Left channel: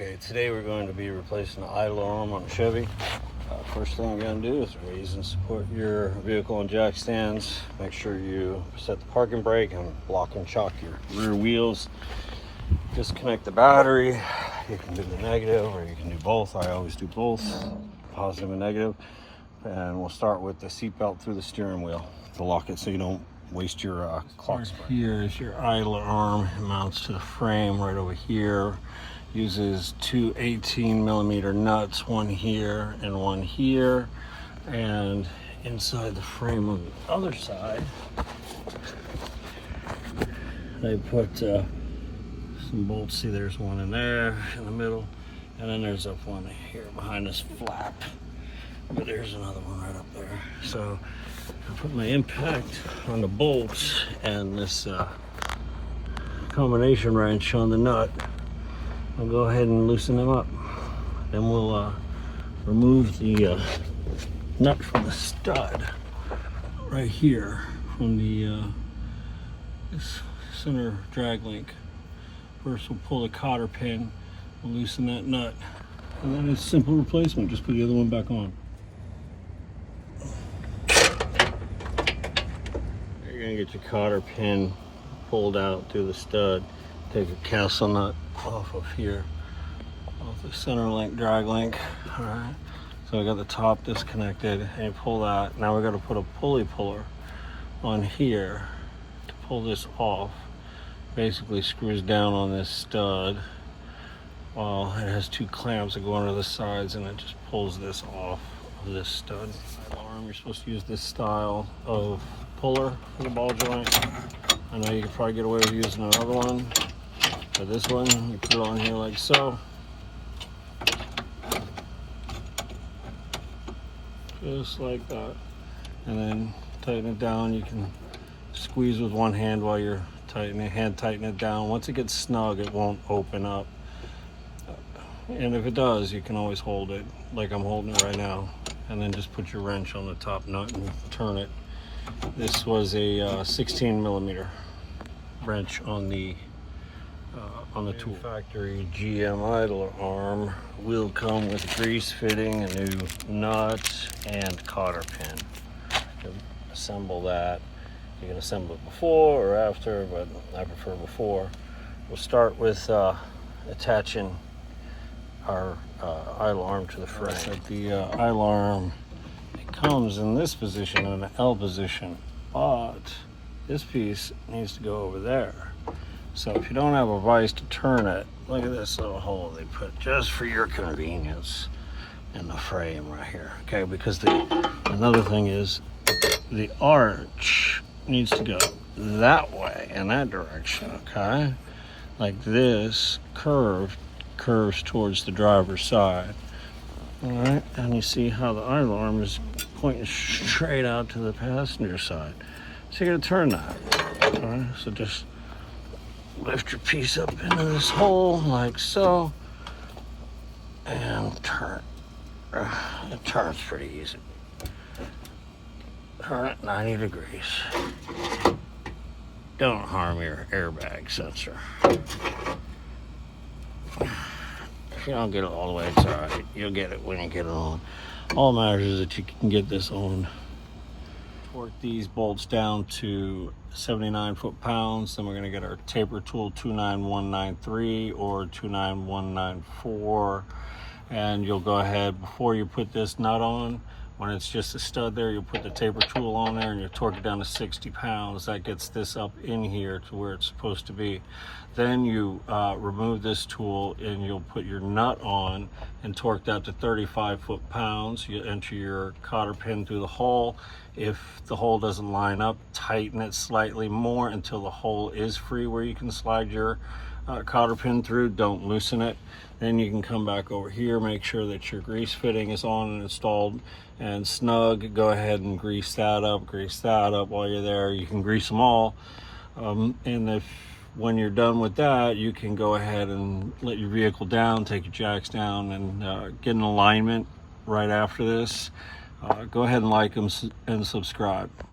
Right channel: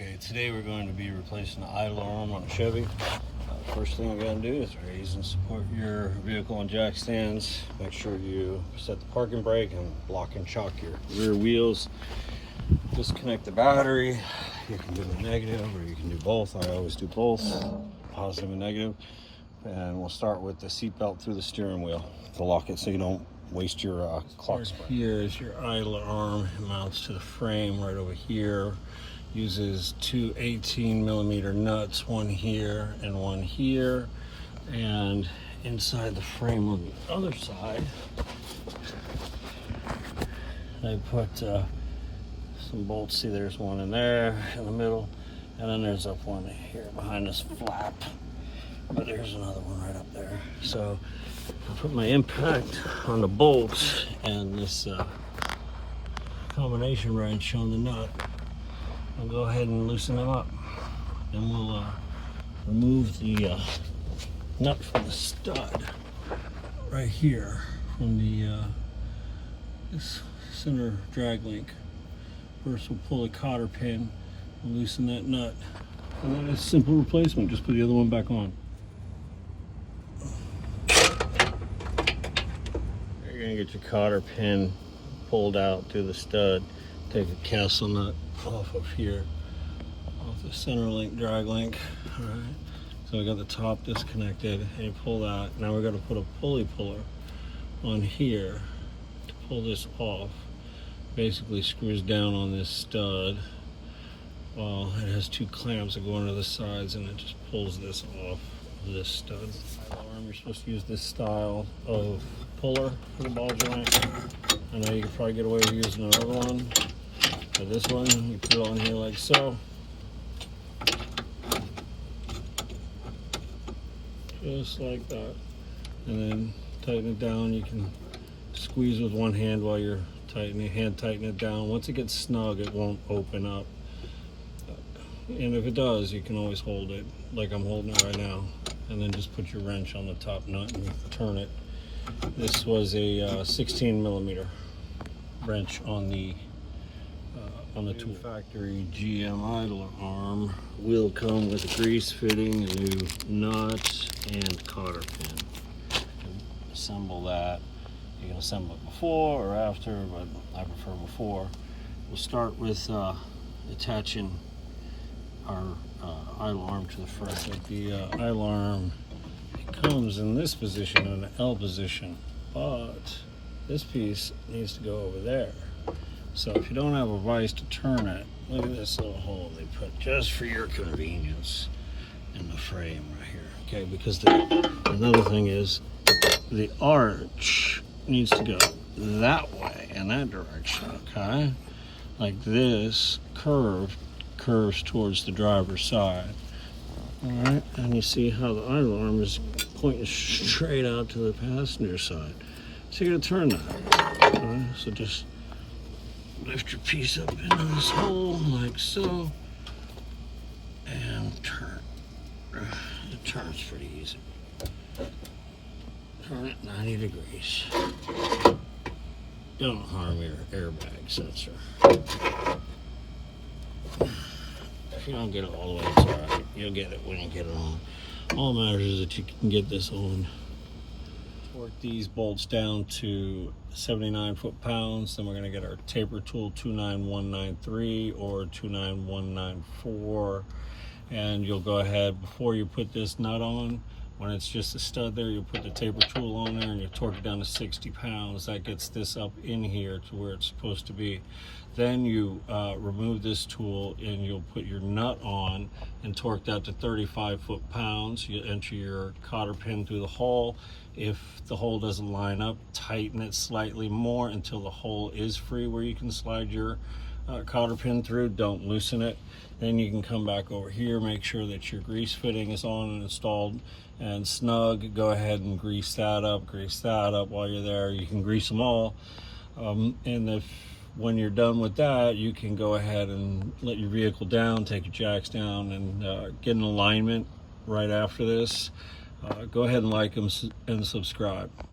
Okay, today we're going to be replacing the idle arm on a Chevy. First thing you're going to do is raise and support your vehicle on jack stands. Make sure you set the parking brake and lock and shock your rear wheels. Disconnect the battery. You can do the negative or you can do both. I always do both, positive and negative. And we'll start with the seatbelt through the steering wheel to lock it so you don't waste your clutch spring. Here is your idle arm. It mounts to the frame right over here. Uses two 18mm nuts, one here and one here. And inside the frame on the other side, they put some bolts. See, there's one in there in the middle, and then there's up one here behind this flap. But there's another one right up there. So I put my impact on the bolts and this combination wrench on the nut. I'll go ahead and loosen them up. Then we'll remove the nut from the stud right here from the this center drag link. First we'll pull the cotter pin, we'll loosen that nut, and then it's simple replacement. Just put the other one back on. You're gonna get your cotter pin pulled out through the stud. Take a castle nut off of here, off the center link, drag link. All right, so I got the top disconnected, and pull that. Now we're gonna put a pulley puller on here to pull this off. Basically screws down on this stud. Well, it has two clamps that go under the sides, and it just pulls this off of this stud. You're supposed to use this style of puller for the ball joint. I know you could probably get away with using another one, but this one, you put it on here like so. Just like that. And then tighten it down. You can squeeze with one hand while you're tighten it down. Once it gets snug, it won't open up. And if it does, you can always hold it like I'm holding it right now. And then just put your wrench on the top nut and turn it. This was a 16mm wrench on the tool. Factory GM idler arm will come with a grease fitting, a new nut, and cotter pin. You can assemble that. You can assemble it before or after, but I prefer before. We'll start with attaching our idle arm to the frame. So the idle arm, it comes in this position, in the L position, but this piece needs to go over there. So if you don't have a vise to turn it, look at this little hole they put just for your convenience in the frame right here. Okay, because another thing is the arch needs to go that way, in that direction, okay? Like this curves towards the driver's side. All right, and you see how the idle arm is pointing straight out to the passenger side. So you're gonna turn that. All right, so just lift your piece up into this hole like so, and turn. It turns pretty easy. Turn it 90 degrees. Don't harm your airbag sensor. If you don't get it all the way, it's all right. You'll get it when you get it on. All that matters is that you can get this on. Torque these bolts down to 79 foot-pounds. Then we're going to get our taper tool 29193 or 29194. And you'll go ahead, before you put this nut on, when it's just a stud there, you'll put the taper tool on there and you torque it down to 60 pounds. That gets this up in here to where it's supposed to be. Then you remove this tool and you'll put your nut on and torque that to 35 foot-pounds. You enter your cotter pin through the hole. If the hole doesn't line up, tighten it slightly more until the hole is free where you can slide your cotter pin through. Don't loosen it. Then you can come back over here, make sure that your grease fitting is on and installed and snug. Go ahead and grease that up while you're there. You can grease them all, and when you're done with that, you can go ahead and let your vehicle down, take your jacks down, and get an alignment right after this. Go ahead and like them and subscribe.